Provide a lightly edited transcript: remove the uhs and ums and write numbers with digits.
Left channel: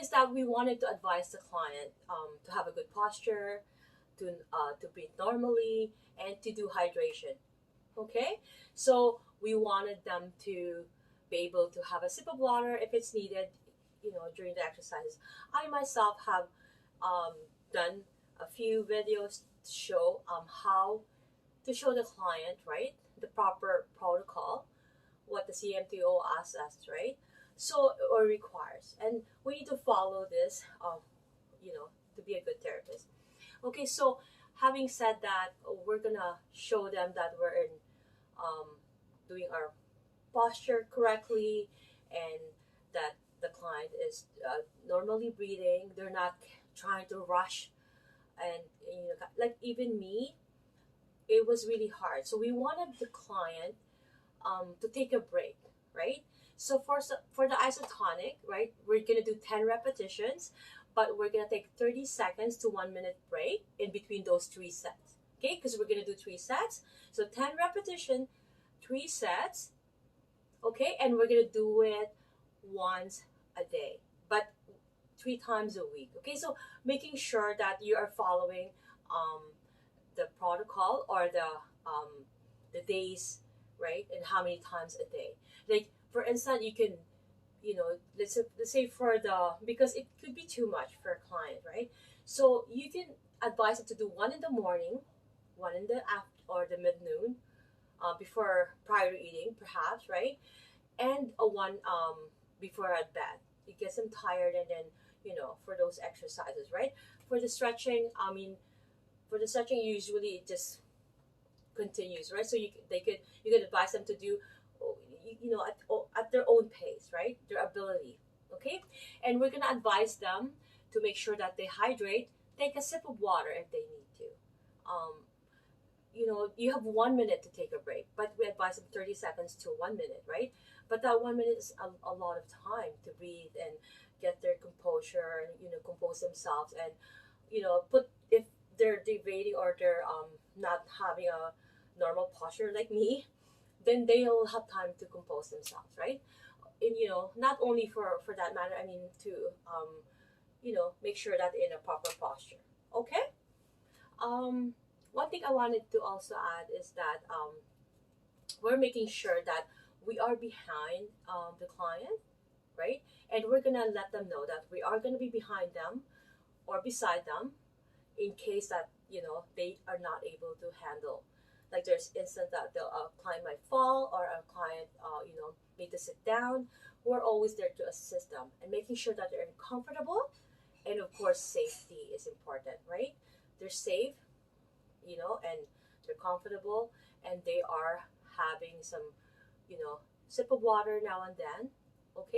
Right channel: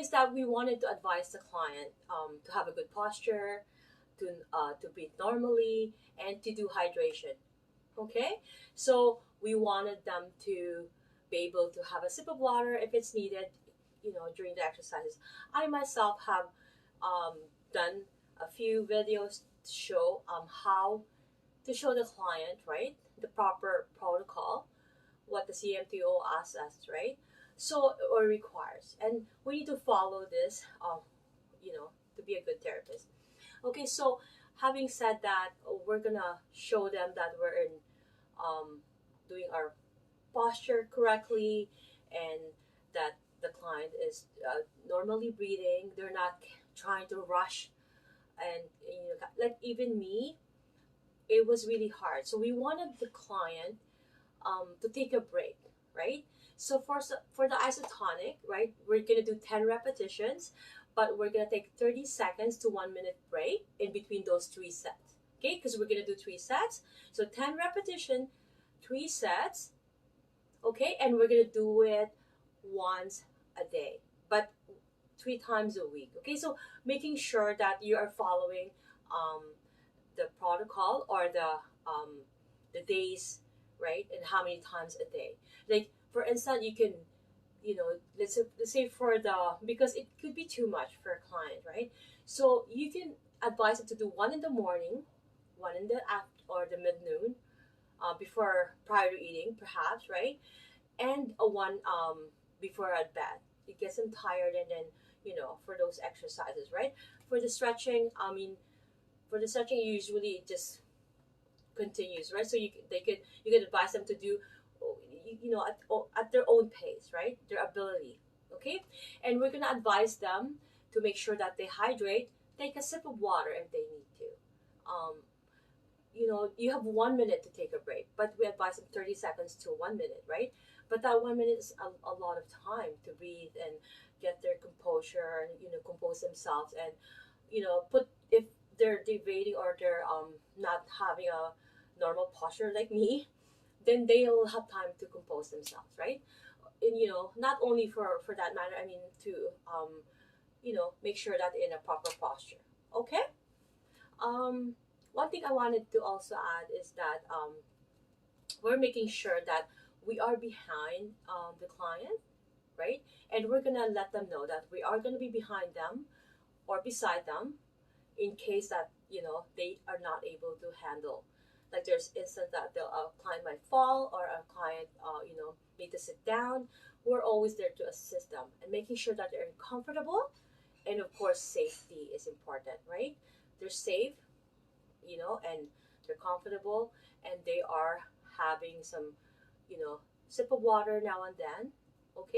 is that we wanted to advise the client to have a good posture, to breathe normally, and to do hydration. Okay, so we wanted them to be able to have a sip of water if it's needed, during the exercises. I myself have done a few videos to show how to show the client, right, the proper protocol, what the CMTO asks us, right? So, or requires, and we need to follow this, to be a good therapist. Okay, so having said that, we're gonna show them that we're um, doing our posture correctly, and that the client is normally breathing. They're not trying to rush, and like even me, it was really hard. So we wanted the client to take a break, right? So for the isotonic, right, we're gonna do 10 repetitions, but we're gonna take 30 seconds to 1 minute break in between those 3 sets. Okay, because we're gonna do 3 sets. So 10 repetition, 3 sets. Okay, and we're gonna do it once a day, but 3 times a week. Okay, so making sure that you are following um, the protocol, or the days, right, and how many times a day. Like for instance, you can, let's say for the, because it could be too much for a client, right? So you can advise them to do one in the morning, one in the after or the mid noon, before prior to eating, perhaps, right? And a one before at bed. It gets them tired, and then for those exercises, right? For the stretching, I mean, for the stretching, usually it just continues, right? So you could advise them to do, at their own pace, right? Their ability, okay? And we're gonna advise them to make sure that they hydrate. Take a sip of water if they need to. Um, you have 1 minute to take a break, but we advise them 30 seconds to 1 minute, right? But that 1 minute is a lot of time to breathe and get their composure, and compose themselves, and put, if they're deviating, or they're not having a normal posture like me, then they'll have time to compose themselves, right? And not only for that matter, I mean, to make sure that they're in a proper posture. Okay. One thing I wanted to also add is that we're making sure that we are behind the client, right? And we're gonna let them know that we are gonna be behind them or beside them, in case that they are not able to handle. Like there's instance that a client might fall, or a client need to sit down. We're always there to assist them, and making sure that they're comfortable, and of course safety is important, right? They're safe, and they're comfortable, and they are having some, sip of water now and then. Okay.